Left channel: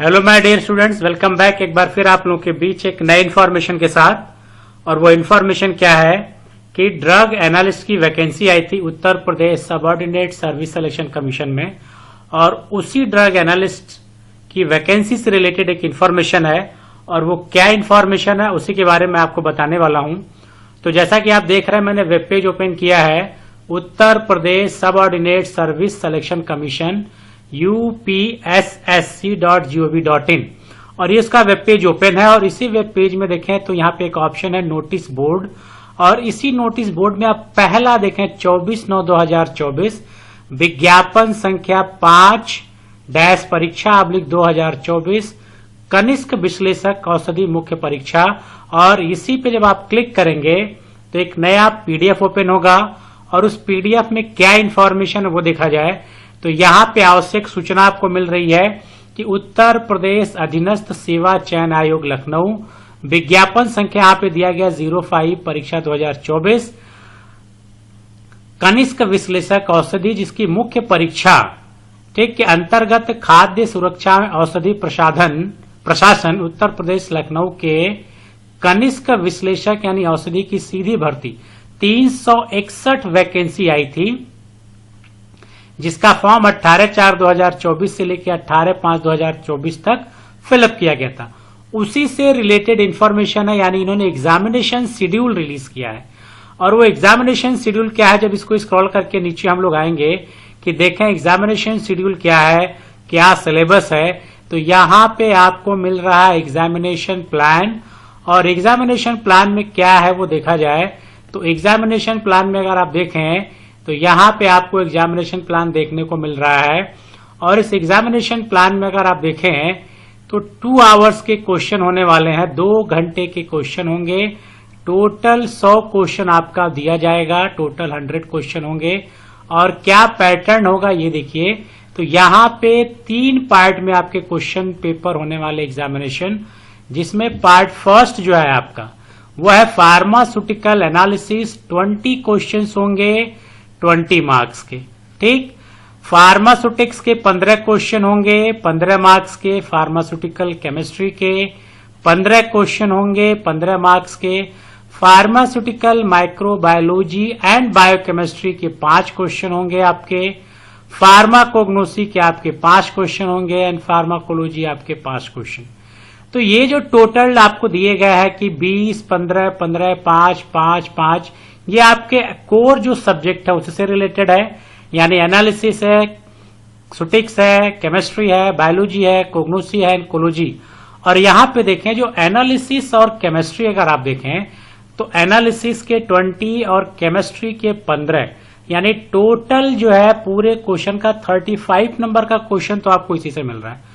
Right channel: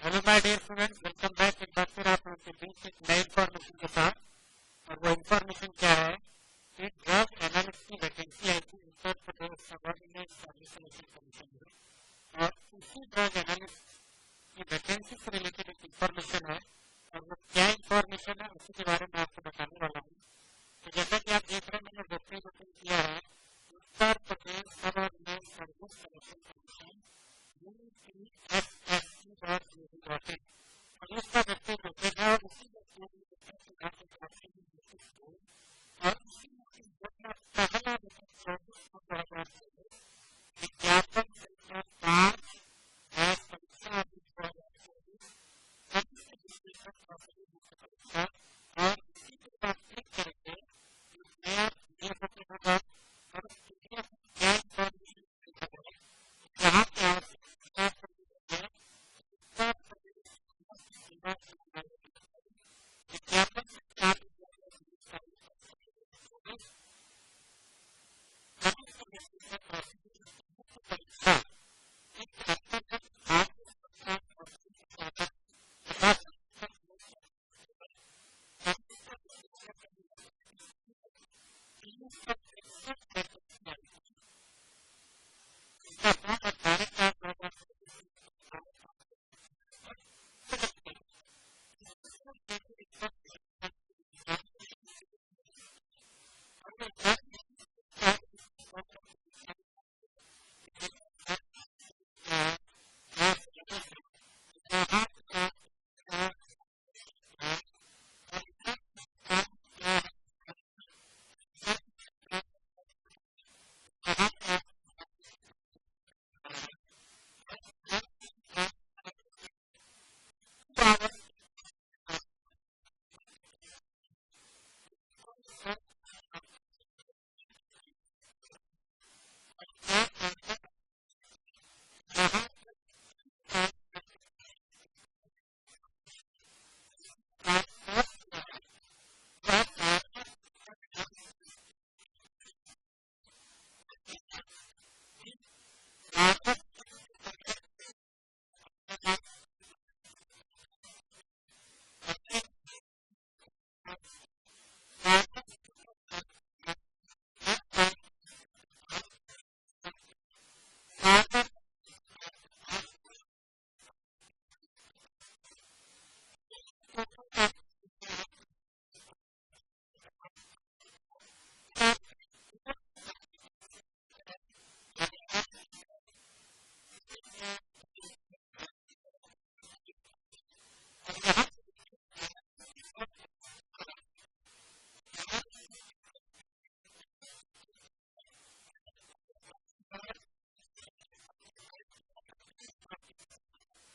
Hello my dear students, welcome back एक बार फिर आप लोगों के बीच एक नई इन्फॉर्मेशन के साथ। और वो इन्फॉर्मेशन क्या है कि ड्रग एनालिस्ट की वैकेंसी आई थी उत्तर Pradesh subordinate service selection commission में, और उसी ड्रग एनालिस्ट की वैकेंसी से रिलेटेड एक इन्फॉर्मेशन है। और वो क्या इन्फॉर्मेशन है उसी के बारे में आपको बताने वाला हूं। तो जैसा कि आप देख रहे हैं, मैंने वेब पेज ओपन किया है, Uttar Pradesh subordinate service selection commission upssc.gov.in, और ये इसका वेब पेज ओपन है। और इसी वेब पेज में देखें तो यहाँ पे एक ऑप्शन है नोटिस बोर्ड, और इसी नोटिस बोर्ड में आप पहला देखें 24/9/2024 विज्ञापन संख्या 5 परीक्षा /2024 कनिष्क विश्लेषक औषधि मुख्य परीक्षा। और इसी पे जब आप क्लिक करेंगे तो एक नया पीडीएफ ओपन होगा, और उस पीडीएफ में क्या इंफॉर्मेशन है वो देखा जाए तो यहाँ पे आवश्यक सूचना आपको मिल रही है कि उत्तर प्रदेश अधीनस्थ सेवा चयन आयोग लखनऊ विज्ञापन संख्या यहाँ पे दिया गया 05 परीक्षा 2024 कनिष्क विश्लेषक औषधि, जिसकी मुख्य परीक्षा ठीक के अंतर्गत खाद्य सुरक्षा औषधि प्रशासन उत्तर प्रदेश लखनऊ के कनिष्क विश्लेषक यानी औषधि की सीधी भर्ती 361 वैकेंसी आई थी, जिसका फॉर्म 18/4/2024 से लेकर 18/5/2024 तक फिलअप किया गया था। उसी से रिलेटेड इंफॉर्मेशन है, यानी इन्होंने एग्जामिनेशन शेड्यूल रिलीज किया है। और वो एग्जामिनेशन शेड्यूल क्या है, जब इसको स्क्रॉल करके नीचे हम लोग आएंगे कि देखें एग्जामिनेशन शेड्यूल क्या है, क्या सिलेबस है, तो यहाँ पे आपको मिल रहा है एग्जामिनेशन प्लान। और एग्जामिनेशन प्लान में क्या है वो देखा जाए तो एग्जामिनेशन प्लान में अगर आप देखें तो यहाँ पे आपको एग्जामिनेशन प्लान देखने को मिल रहा है। और इस एग्जामिनेशन प्लान में अगर आप देखें तो 2 आवर्स के क्वेश्चन होने वाले हैं, 2 घंटे के क्वेश्चन होंगे। टोटल 100 क्वेश्चन आपका दिया जाएगा, टोटल 100 क्वेश्चन होंगे। और क्या पैटर्न होगा ये देखिए, तो यहाँ पे 3 पार्ट में आपके क्वेश्चन पेपर होने वाले एग्जामिनेशन, जिसमें पार्ट फर्स्ट जो है आपका वो है फार्मास्यूटिकल एनालिसिस। 20 क्वेश्चन होंगे 20 मार्क्स के, ठीक। फार्मास्यूटिक्स के 15 क्वेश्चन होंगे 15 मार्क्स के। फार्मास्यूटिकल केमिस्ट्री के 15 क्वेश्चन होंगे 15 मार्क्स के। फार्मास्यूटिकल माइक्रोबायोलॉजी एंड बायोकेमिस्ट्री के 5 क्वेश्चन होंगे आपके। फार्माकोग्नोसी के आपके 5 क्वेश्चन होंगे एंड फार्माकोलॉजी आपके 5 क्वेश्चन। तो ये जो टोटल आपको दिए गए हैं कि 20, 15, 15, 5, 5, 5, ये आपके कोर जो सब्जेक्ट है उससे रिलेटेड है, यानी एनालिसिस है, सुटिक्स है, केमिस्ट्री है, बायोलॉजी है, कोग्नोसी है, इकोलॉजी। और यहाँ पे देखें जो एनालिसिस और केमिस्ट्री अगर आप देखें तो एनालिसिस के 20 और केमिस्ट्री के 15, यानी टोटल जो है पूरे क्वेश्चन का 35 नंबर का क्वेश्चन तो आपको इसी से मिल रहा है।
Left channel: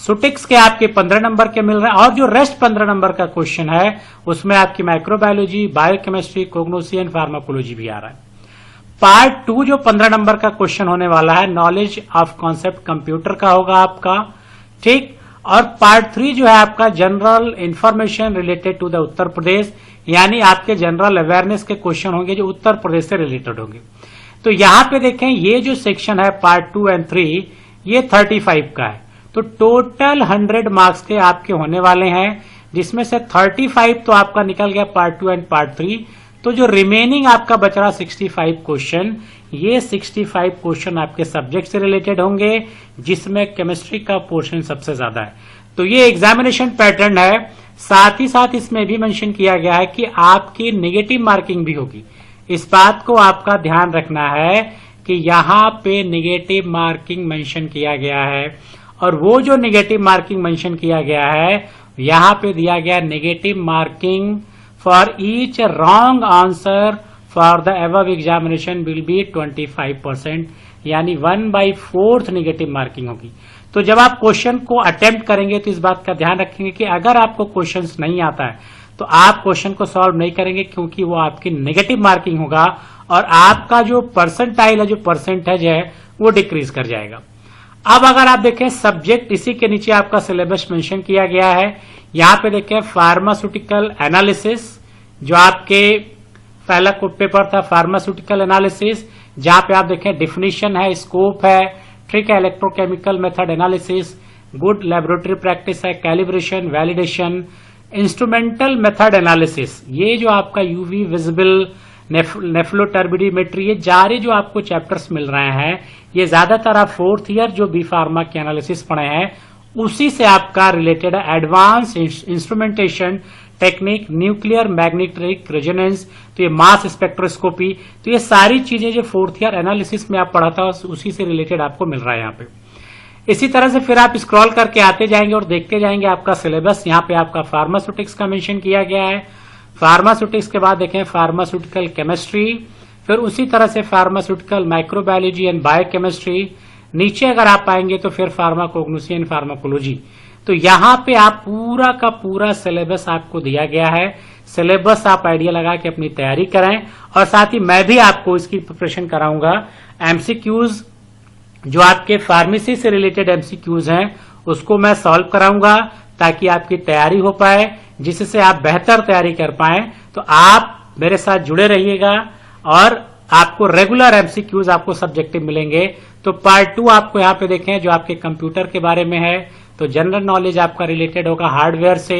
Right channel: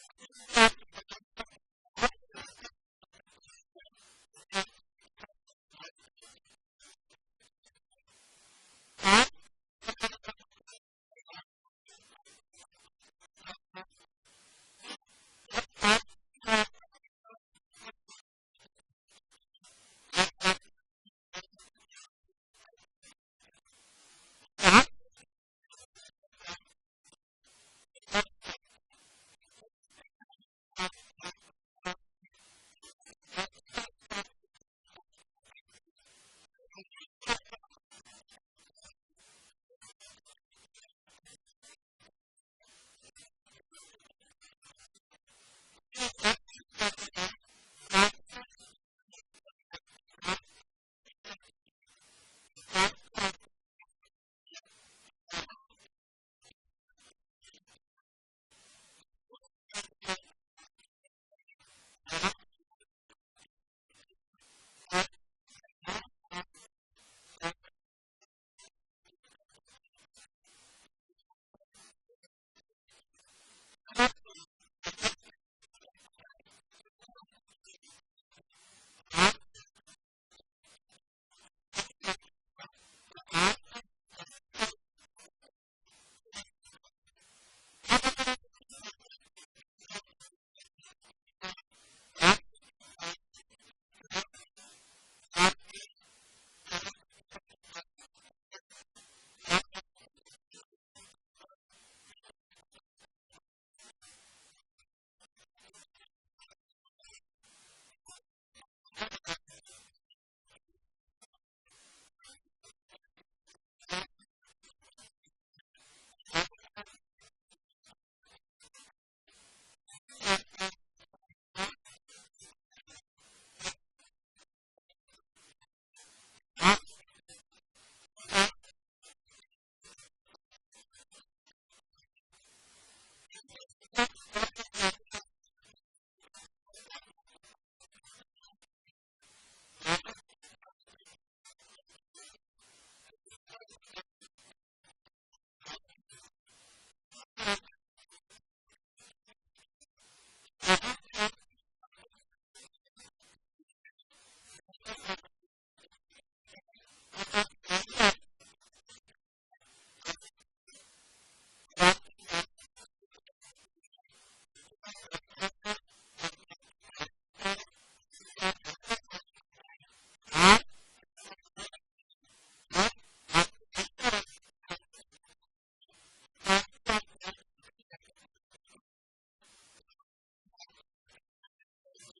सुटिक्स के आपके 15 नंबर के मिल रहे हैं, और जो रेस्ट 15 नंबर का क्वेश्चन है उसमें आपकी माइक्रोबायोलॉजी, बायोकेमिस्ट्री, कोग्नोसी एंड फार्माकोलॉजी भी आ रहा है। पार्ट 2 जो 15 नंबर का क्वेश्चन होने वाला है नॉलेज ऑफ कॉन्सेप्ट कंप्यूटर का होगा आपका, ठीक। और पार्ट 3 जो है आपका general information related to the Uttar Pradesh, यानी आपके जनरल अवेयरनेस के क्वेश्चन होंगे जो उत्तर प्रदेश से रिलेटेड होंगे। तो यहां पे देखें ये जो सेक्शन है पार्ट 2 एंड 3 ये 35 का है, तो टोटल 100 मार्क्स के आपके होने वाले हैं, जिसमें से 35 तो आपका निकल गया पार्ट 2 एंड पार्ट 3। तो जो रिमेनिंग आपका बच रहा 65 क्वेश्चन, ये 65 क्वेश्चन आपके सब्जेक्ट से रिलेटेड होंगे, जिसमें केमिस्ट्री का पोर्शन सबसे ज्यादा है। तो ये एग्जामिनेशन पैटर्न है। साथ ही साथ इसमें भी मेंशन किया गया है कि आपकी नेगेटिव मार्किंग भी होगी। इस बात को आपका ध्यान रखना है कि यहाँ पे नेगेटिव मार्किंग मेंशन किया गया है, और वो जो नेगेटिव मार्किंग मेंशन किया गया है यहाँ पे दिया गया negative marking for each wrong answer for the above examination will be 25%, यानी 1/4 नेगेटिव मार्किंग होगी। तो जब आप क्वेश्चन को अटेम्प्ट करेंगे तो इस बात का ध्यान रखेंगे कि अगर आपको क्वेश्चन नहीं आता है तो आप क्वेश्चन को सॉल्व नहीं करेंगे, क्योंकि वो आपकी नेगेटिव मार्किंग होगा और आपका जो परसेंटाइल है, जो परसेंटेज है, वो डिक्रीज कर जाएगा। अब अगर आप देखें सब्जेक्ट, इसी के नीचे आपका सिलेबस मेंशन किया गया है। यहाँ पे देखें फार्मास्यूटिकल एनालिसिस, जो आपके पहला पेपर था फार्मास्यूटिकल एनालिसिस, जहां पे आप देखें डिफिनीशन है, स्कोप है, ठीक है, electrochemical method analysis, good laboratory practice है, calibration, validation, instrumental method analysis, ये जो आपका यूवी विजिबल, नेफ्लोटर्बिडीमेट्री, ये सारे जो आपको चैप्टर्स मिल रहे हैं, ये ज्यादातर आप 4th ईयर जो बी फार्मा के एनालिसिस पढ़े हैं उसी से आपका रिलेटेड है। Advance instrumentation technique, nuclear magnetic resonance, तो ये मास स्पेक्ट्रोस्कोपी, तो ये सारी चीजें जो 4th ईयर एनालिसिस में आप पढ़ा था उसी से रिलेटेड आपको मिल रहा है यहाँ पे। इसी तरह से फिर आप स्क्रॉल करके आते जाएंगे और देखते जाएंगे आपका सिलेबस। यहाँ पे आपका फार्मास्यूटिक्स का मेंशन किया गया है। फार्मास्यूटिक्स के बाद देखें फार्मास्यूटिकल केमिस्ट्री, फिर उसी तरह से फार्मास्यूटिकल माइक्रोबायोलॉजी एंड बायोकेमिस्ट्री। नीचे अगर आप आएंगे तो फिर फार्माकोग्नोसी एंड फार्माकोलॉजी। तो यहाँ पे आप पूरा का पूरा सिलेबस आपको दिया गया है। सिलेबस आप आइडिया लगा के अपनी तैयारी करें, और साथ ही मैं भी आपको इसकी प्रिपरेशन कराऊंगा। एमसीक्यूज जो आपके फार्मेसी से रिलेटेड एमसीक्यूज हैं उसको मैं सॉल्व कराऊंगा ताकि आपकी तैयारी हो पाए, जिससे आप बेहतर तैयारी कर पाए। तो आप मेरे साथ जुड़े रहिएगा और आपको रेगुलर एमसीक्यूज आपको सब्जेक्टिव मिलेंगे। तो पार्ट 2 आपको यहाँ पे देखें जो आपके कंप्यूटर के बारे में है, तो जनरल नॉलेज आपका रिलेटेड होगा हार्डवेयर से।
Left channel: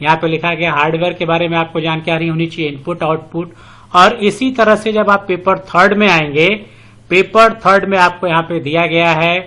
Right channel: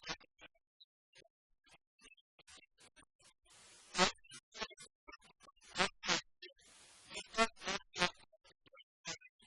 यहाँ पे लिखा गया हार्डवेयर के बारे में आपको जानकारी होनी चाहिए, इनपुट आउटपुट। और इसी तरह से जब आप पेपर 3rd में आएंगे, पेपर 3rd में आपको यहाँ पे दिया गया है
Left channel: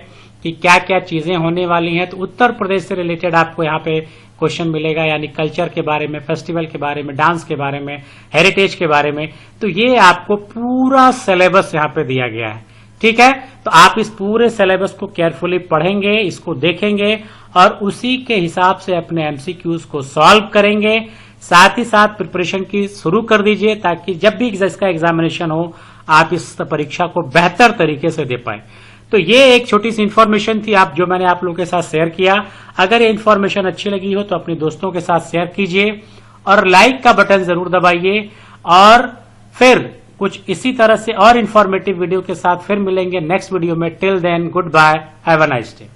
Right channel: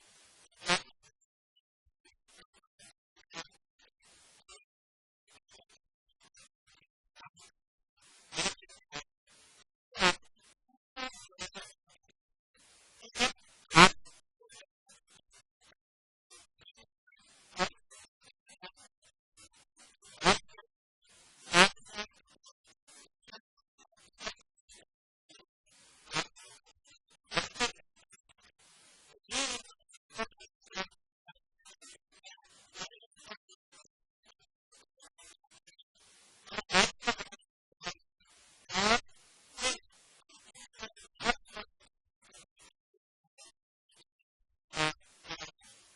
कि क्या क्या चीजें होने वाली हैं। तो उत्तर प्रदेश से रिलेटेड आपको यहाँ पे क्वेश्चन मिलेगा, यानी कल्चर के बारे में, फेस्टिवल के बारे में, डांस के बारे में, हेरिटेज के बारे में। तो ये आपको पूरा सिलेबस यहाँ पे दिया गया है, ठीक है। तो आप इस पूरे सिलेबस को केयरफुली पढ़ेंगे, इसको देखेंगे और उसी के हिसाब से अपने एमसीक्यूज को सॉल्व करेंगे। साथ ही साथ प्रिपरेशन की शुरू कर दीजिए ताकि जब भी इसका एग्जामिनेशन हो आप इस परीक्षा को बेहतर तरीके से दे पाए। तो ये एक छोटी सी इन्फॉर्मेशन थी जो मैंने आप लोगों के साथ शेयर किया। अगर ये इन्फॉर्मेशन अच्छी लगी हो तो अपने दोस्तों के साथ शेयर कीजिए और लाइक का बटन जरूर दबाइए। और फिर कुछ इसी तरह से और इन्फॉर्मेटिव वीडियो के साथ फिर मिलेंगे नेक्स्ट वीडियो में। Till then goodbye, have a nice day.